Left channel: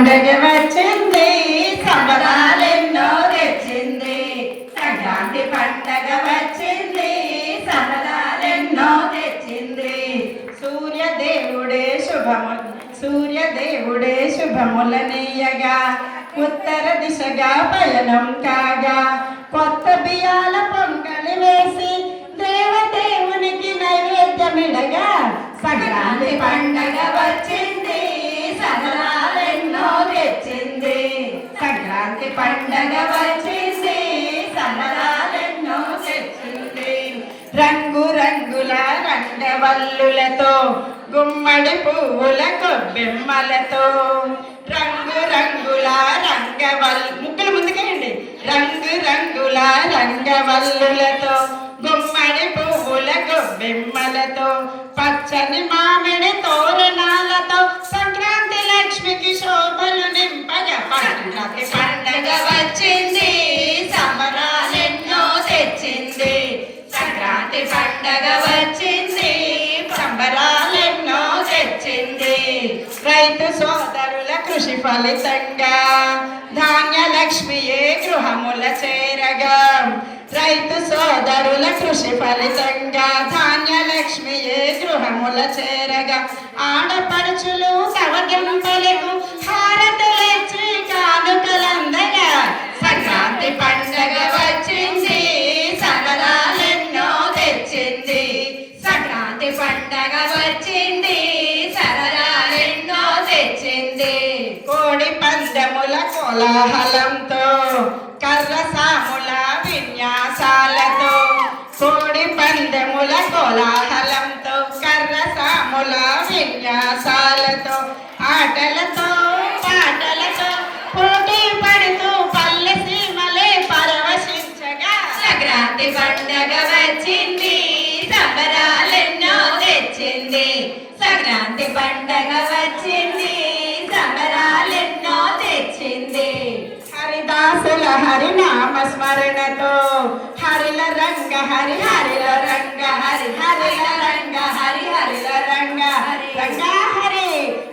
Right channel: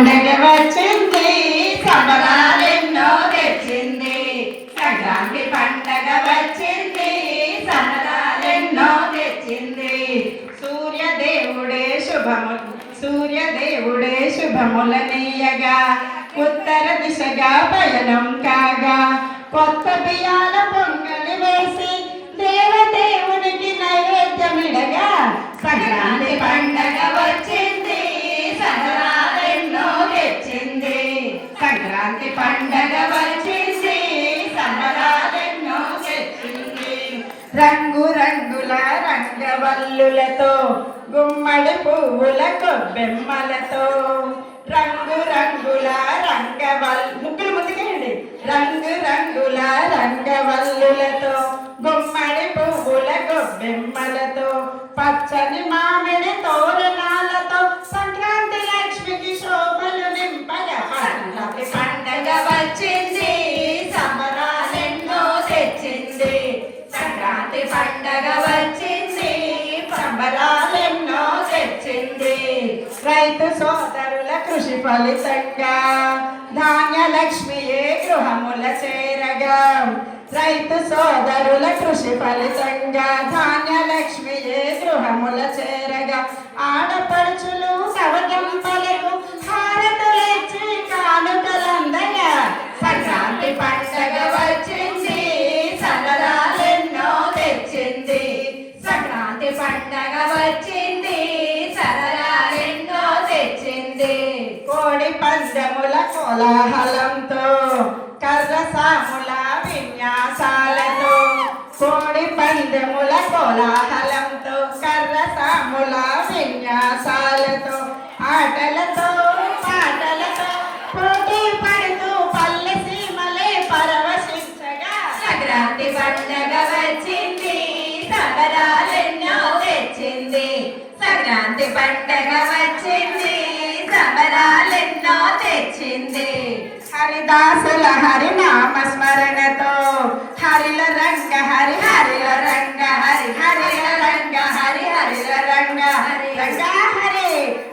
పండగ వచ్చింది సంబరాలెన్నో తెచ్చింది. సంక్రాంతి పండగ వచ్చింది సంబరాలెన్నో తెచ్చింది. సూర్యదేవుడే శుభములనీయగా ఉత్తర దిశగా పయనం కాగా కొత్త బియ్యాల పొంగలి వేసి దేవదేవునికి నైవేద్యమిడగా సంక్రాంతి పండగ వచ్చింది సంబరాలెన్నో తెచ్చింది. సంక్రాంతి పండగ వచ్చింది సంబరాలెన్నో తెచ్చింది. రంగు రంగుల రంగవల్లులతో గుమ్మడి పువ్వుల కొబ్బెమ్మలతో రంగు రంగుల ముక్కలు ముందుకేయండి. రంగు రంగుల రంగవల్లులతో గుమ్మడి పువ్వుల కొబ్బెమ్మలతో పచ్చని మామిడి తోరణాలతో సంక్రాంతి లక్ష్మికి శోభలు నింపగా సంక్రాంతి పండగ వచ్చింది సంబరాలెన్నో తెచ్చింది. సంక్రాంతి పండగ వచ్చింది సంబరాలెన్నో తెచ్చింది. రైతు సోదరుల కృషి ఫలితంగా ధాన్యలక్ష్మియే గృహముల చేరగా రైతు సోదరుల కృషి ఫలితంగా ధాన్యలక్ష్మియే గృహముల చేరగా ఆడపడుచులు కవగింపలకు హారతులిచ్చి కానుకలందగా సంక్రాంతి పండగ వచ్చింది సంబరాలెన్నో తెచ్చింది. సంక్రాంతి పండగ వచ్చింది సంబరాలెన్నో తెచ్చింది. కోడి పందెముల కోలాహలంతో కర్రసాముల విన్యాసాలతో కోడి పందెముల కోలాహలంతో కర్రసాముల విన్యాసాలతో ఆటలతో పాటలతో పోటీ పడుతూ పల్లె సీమలే పరవశించగా సంక్రాంతి పండగ వచ్చింది సంబరాలెన్నో తెచ్చింది. సంక్రాంతి పండగ వచ్చింది సంబరాలెన్నో తెచ్చింది. హరిదాసుల హరినామ స్మరణతో హరిల రంగ హరి హరిల రంగ హరి హరిల రంగ హరి హరిల రంగ హరి రంగ హరి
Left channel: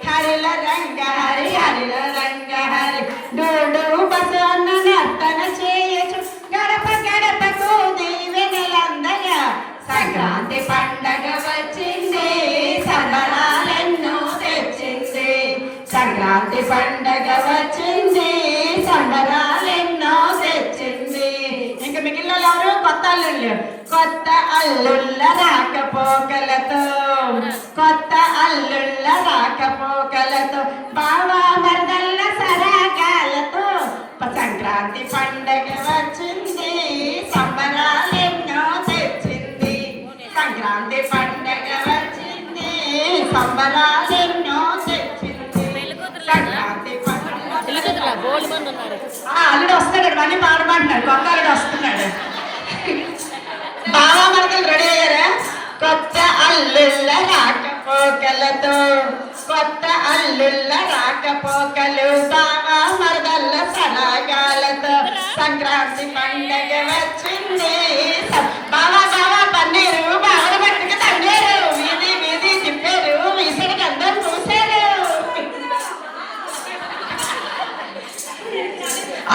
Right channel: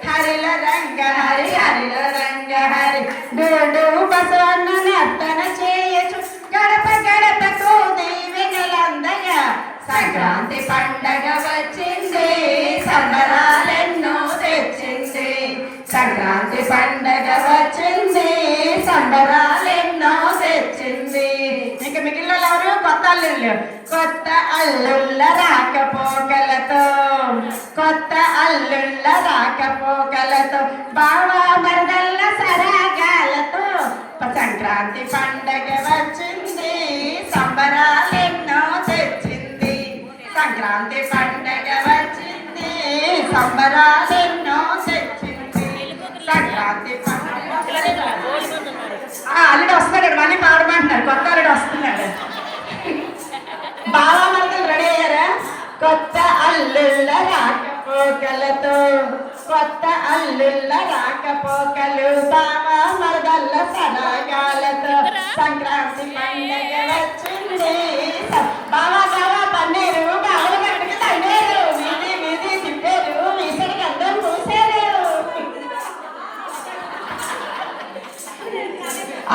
హరిల రంగ హరి హరిల రంగ హరి డోడు బసవన్న నర్తన చేయచు గడప గడపకు దీవెనలందగా సంక్రాంతి పండగ వచ్చింది సంబరాలెన్నో తెచ్చింది. సంక్రాంతి పండగ వచ్చింది సంబరాలెన్నో తెచ్చింది. ఇంకా మిగిలిన ఎవరు? కొత్త అల్లుళ్ళు. కొత్త అల్లుళ్ళ రాకపోకలతో కొత్త అల్లుళ్ళ రాకపోకలతో బావా మరదళ్ళ సరాగాలతో సంక్రాంతి పండగ వచ్చింది సంబరాలెన్నో తెచ్చింది. సంక్రాంతి పండగ వచ్చింది సంబరాలెన్నో తెచ్చింది. సంక్రాంతి అల్లుడు వస్తున్నాడు, మళ్ళీ పాడమంటున్నాడు. కొత్త అల్లుడు వస్తున్నాడు. బావా మరదలు రెడీ అయ్యారా? కొత్త అల్లుళ్ళ రాకపోకలతో కొత్త అల్లుళ్ళ రాకపోకలు బావా మరదళ్ళ సరాగాలతో సంక్రాంతి పండగ వచ్చింది. బావా బావా పన్నీరు బావల పట్టుకు తన్నేరు వీధి వీధి తిప్పారు విసిరికి అందరూ చూశారు.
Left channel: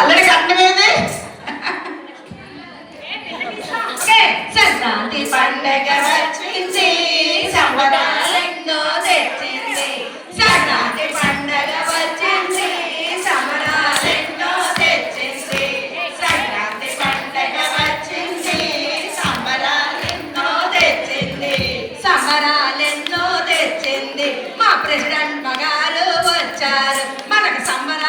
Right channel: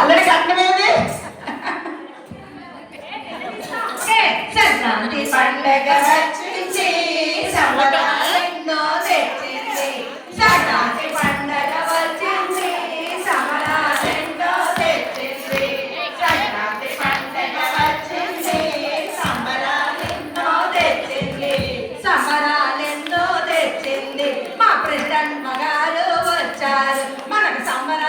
అల్లుడి కట్టమేది సంక్రాంతి పండగ వచ్చింది సంబరాలెన్నో తెచ్చింది. సంక్రాంతి పండగ వచ్చింది సంబరాలెన్నో తెచ్చింది. సంక్రాంతి పండగ వచ్చింది సంబరాలెన్నో తెచ్చింది. సంబరాలెన్నో తెచ్చింది. మా ప్రెసిడెంట్ మగారు వచ్చారు మనకు సంబరాలు